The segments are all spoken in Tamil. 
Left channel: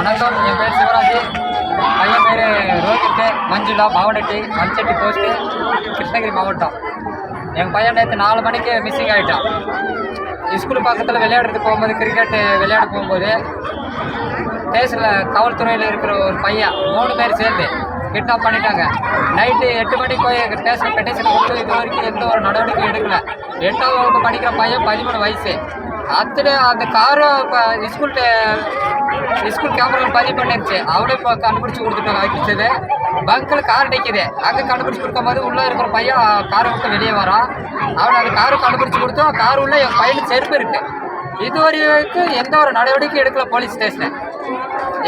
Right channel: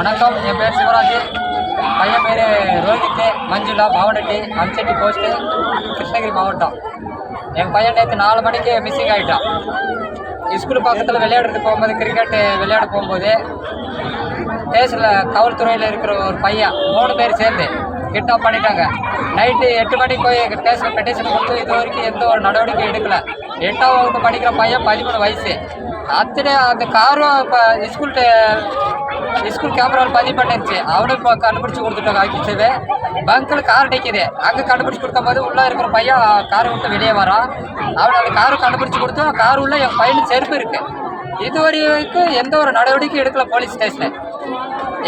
வணக்கம். என் பேர் சிவராஜ். பையன் பேர் ரோஹித் மஞ்சுளா பாவனட்டி அம்செட்டி போஸ்ட்டு கிருஷ்ணகிரி மாவட்டம். என் பையன் நேற்று நாலு மணிக்கு மிஸ்ஸிங் ஆகிட்டான் ஸ்கூல் பக்கத்தில் விளையாடுறதுக்கு போகும்போது கிரிக்கெட்டு விளையாட போகும்போது ஸ்டேஷனில் காவல்துறையில் இருக்கிற ஒரு பையன் மூணு பேர் சேர்ந்து கிட்னாப் பண்ணிட்டாங்க. நைட்டு எட்டு மணிக்கு போய் ஸ்டேஷன் பெட்டிஷன் கொடுத்து இது வரைக்கும் எந்த ஒரு நடவடிக்கை எடுக்கலை. எட்டாம் வகுப்பு படிக்கிற பையன் பதிமூணு வயசு. அத்தனை அந்த காரும் இப்போ ஸ்கூல் ஸ்கூல் கேமராவில் பதிவு பண்ணிருச்சு. அவனும் இப்போ கண்டுபிடிச்சி கொடுத்துட்டாங்க ஆக்கிச்சது பங்கில் கார் நிற்கிது அங்கே கண்டுபிடிச்சி கொடுக்கும்போது உள்ளே இருக்கிற பையன் காரை விட்டு வெளியே வரான். அவன் அந்த காரை கண்டுபிடிச்சி கொடுத்தோம் கார் உள்ள என் பையனுக்கு செருப்பு இருக்குது இது வரைக்கும் எந்த ஒரு நடவடிக்கையும் எடுக்கல போலீஸ் ஸ்டேஷனில்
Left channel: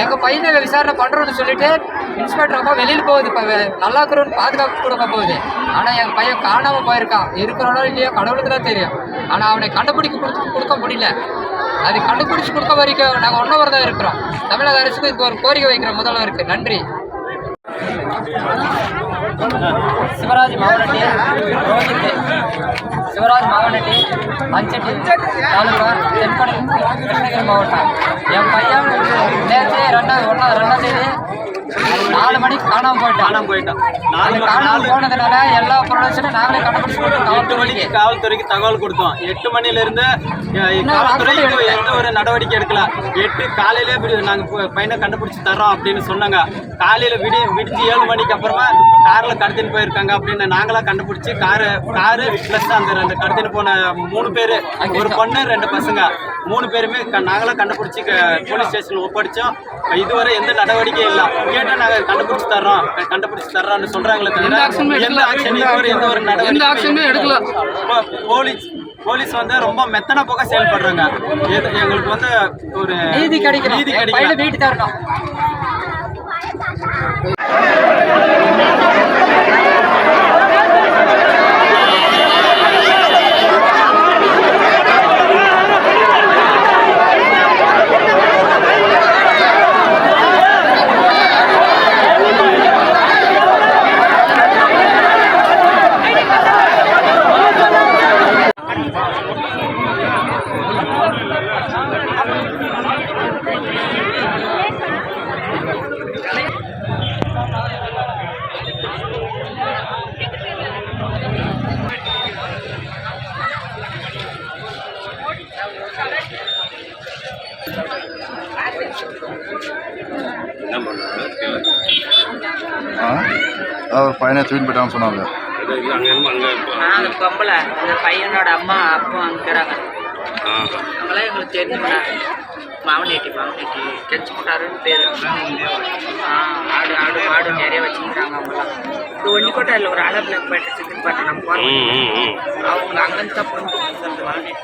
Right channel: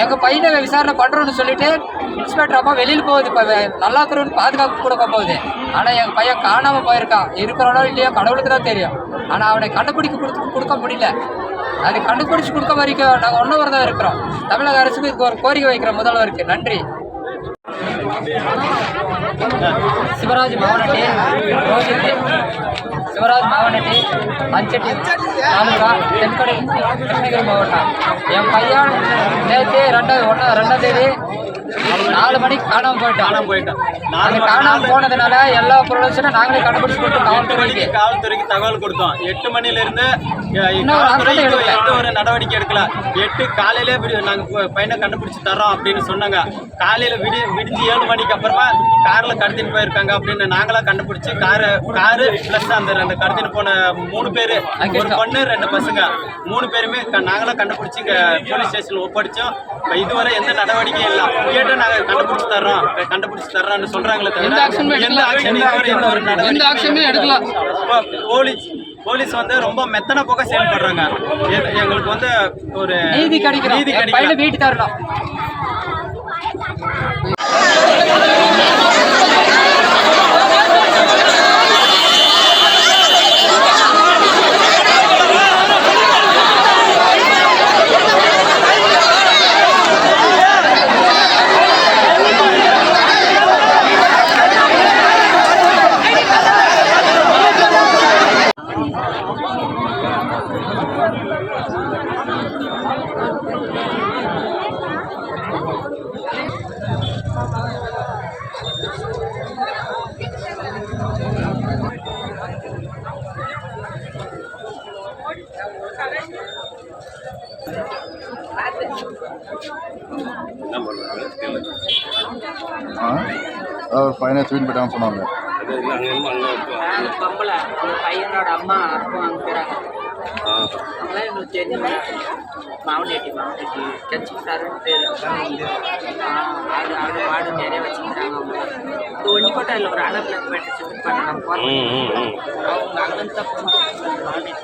எங்கள் பையனை விசாரணை பண்ணுறோன்னு சொல்லிட்டு இன்ஸ்பெக்டர் அப்பா வெளியில் போகுது. இப்போ நல்லா இருக்கிறவனு பாதுகாப்பு கொடுக்க போகுது. ஆனால் எங்கள் பையன் காணாமல் போயிருக்கான். இருக்கிறவனோ இல்லையோ கடவுளுக்கு தான் தெரியும். ஆனால் அவனை கண்டுபிடிக்க கொடுத்து கொடுக்க முடியல. அது கண்டுபிடிச்சு கொடுக்க வரைக்கும் நாங்கள் ஒன்றவர் தான் இருக்கிறோம். தமிழக அரசுக்கு இதுக்கு ஒரு கோரிக்கை வைக்கிற முதல்வருக்கு நன்றி. சிவராஜ் மாவனட்டி ரோஹித் சிவராஜ் மாவனட்டி அஞ்சட்டி தாலுகா தென்கடை கிருஷ்ணகிரி மாவட்டம். என் பையன் நேற்று ரெண்டாவது ஒன்றா ரெண்டாம் தேதி நாலு மணிக்கு காணாமல் போயிட்டான் காணாம போயிட்டான் அது நாலு காணாமல் போனதுனால எல்லா பொருளும் நாங்களே கண்டுபிடிச்சு கொடுத்தோம் காவல்துறைக்கு. மணிக்கு காவல்துறைக்கு தகவல் கொடுத்தோம். எட்டு மணில எந்த ஒரு நடவடிக்கை எடுக்கல. எட்டு காலையிலே விடு நாங்க பு- பையனை கண்டுபிடிச்சு தர்றோம் அப்படின்னு சொன்னாங்க. காலையில விடி விடிஞ்சு ஏழு மணிக்கு அப்புறமா கார்ல கடத்தின்னு போயிருக்காங்க அப்படின்னு நாங்களா கண்டுபிடிச்சு காரு காரு பிளஸ் அந்த ரெண்டு கடத்தின்னு போன மூணு பேரு ஒரு பொண்ணு ரெண்டு பசங்க. மூணு பேருமே நாங்களா கண்டுபிடிச்சு போலீஸ் ஸ்டேஷன்ல ஒப்படைச்சோம். இதுவரை எந்த நடவடிக்கையும் இல்லை. கேட்டா நாங்க கண்டுபிடிச்சு தர்றோம். கண்டுபிடிச்சு தர்றோம்னு சொல்றாங்களே தவிர எந்த ஆக்ஷன் இதுவரை எந்த ஒரு நடவடிக்கை போலீஸ் போலீஸ் வந்து ரொம்ப மெத்தன போக செயல்படுறாங்க. எங்களுக்கு வந்து ஒரு நீதி கிடைக்கணும். நீதி பையனை வீட்டு தரணும் அவர் பையனை தூக்கிட்டு போயிட்டான்னு சொன்னாங்க அந்த பொம்பளை அந்த பையனோட அம்மா அப்பா அனுப்புறாங்க అలాగే చేరిన మామిలేటి మామిలేటి తెచ్చుకుంటారు పేరు ఆడు ఆడు ఆడు నేరే వచ్చింది రంగంలో ఇప్పుడు ఒండికోటలో రాళ్ళబ్లాక్ పట్టి చికెన్ పట్టడం అవును రంగంతా పొందుతుంది మామిలేటి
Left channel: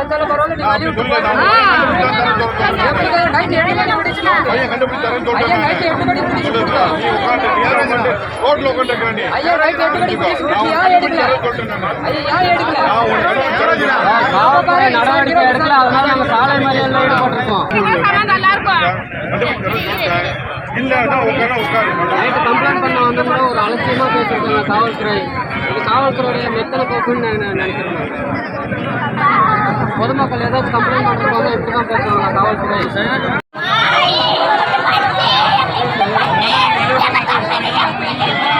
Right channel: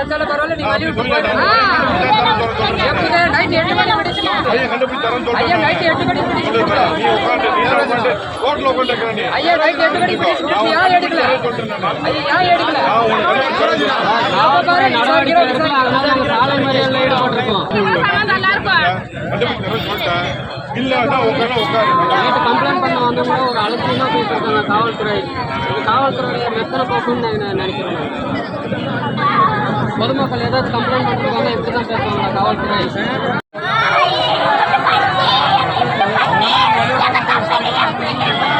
செத்தாலும் பரவாயில்ல நீ வழி விட்டு எப்படி நைட் எட்டு மணி பிடிச்சு ஐயா நைட் எட்டு மணி பிடிச்சு ஐயா நைட் எட்டு மணி பிடிச்சு ஏன் எடுக்கல? ஐயா ஏன் எடுக்கல? நாம பாரு நடவடிக்கை எடுக்கல. அதனால நாங்க சாலை மறியல்ல ஈடுபட்டிருக்கோம் நைட்டு கம்ப்ளைண்ட் பண்ண வந்து ஒரு அலட்சியமாக பேசியிருக்காங்க காவல்துறை. காவல்துறையுடைய மெத்தனை போக்குன்னு మధుమక్కలు ఏదైతే కంప్లైంట్ ఉంటుంది వాళ్ళ ఎప్పుడు కంప్లైంట్ కావాల్సినవి Yeah.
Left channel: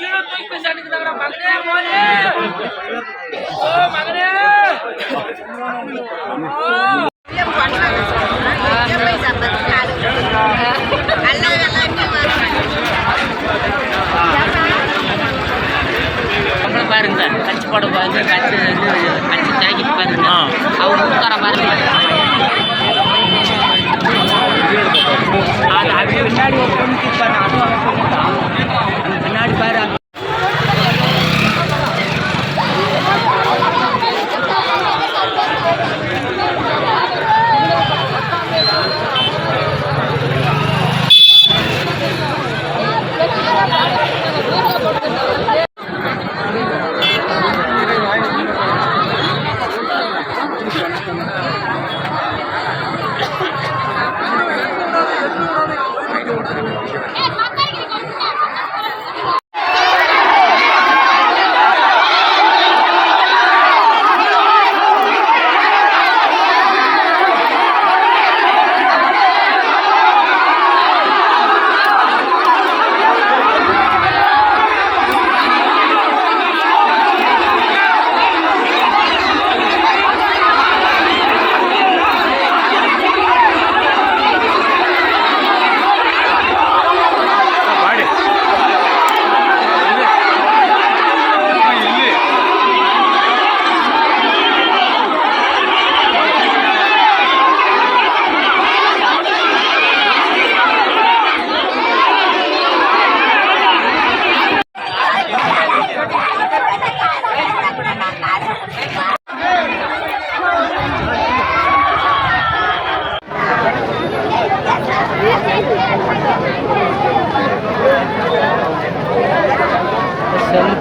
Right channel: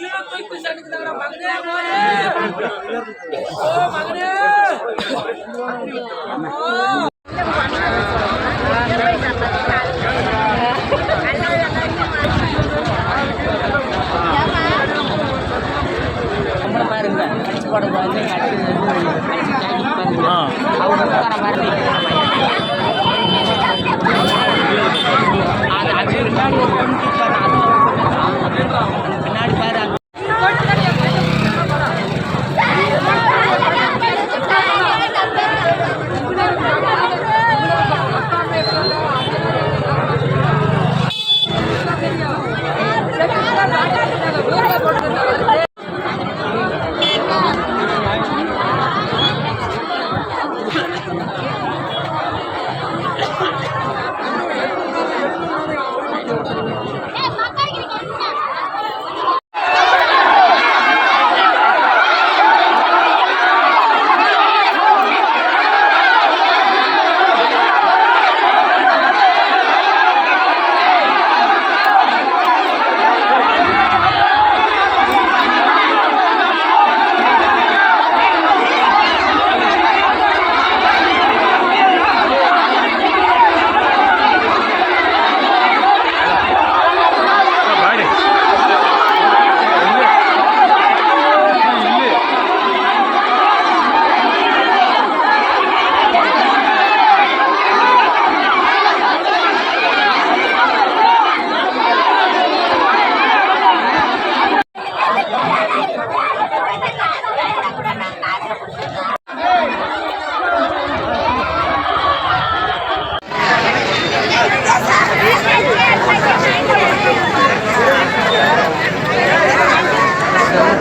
கம்ப்ளைண்ட் பண்ணுறவங்க இப்படி தான் பேசுவாங்க காவல்துறை நம்மள பாருங்க கட்சி போட பாருங்க கட்சி கட்சி ஜாக்கெட் பாருங்க அவங்க ஊத்தார பாருங்க அது அப்படியே பின்னாடி ஒரு பொண்ணு கூப்பிட்டாங்க.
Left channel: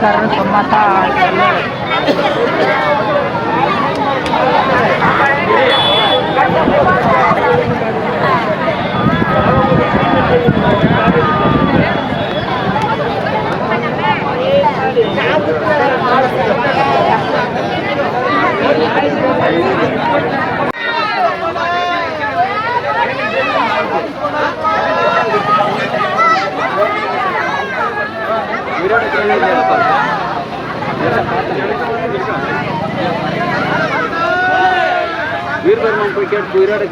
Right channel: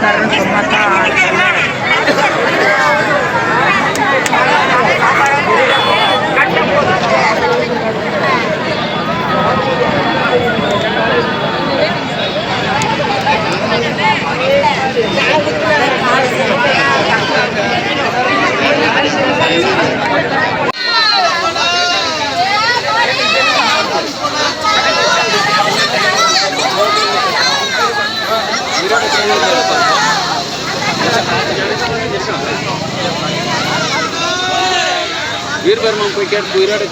哎，你干嘛？வீரபெருமான் போய் கேட்டு உயிரோட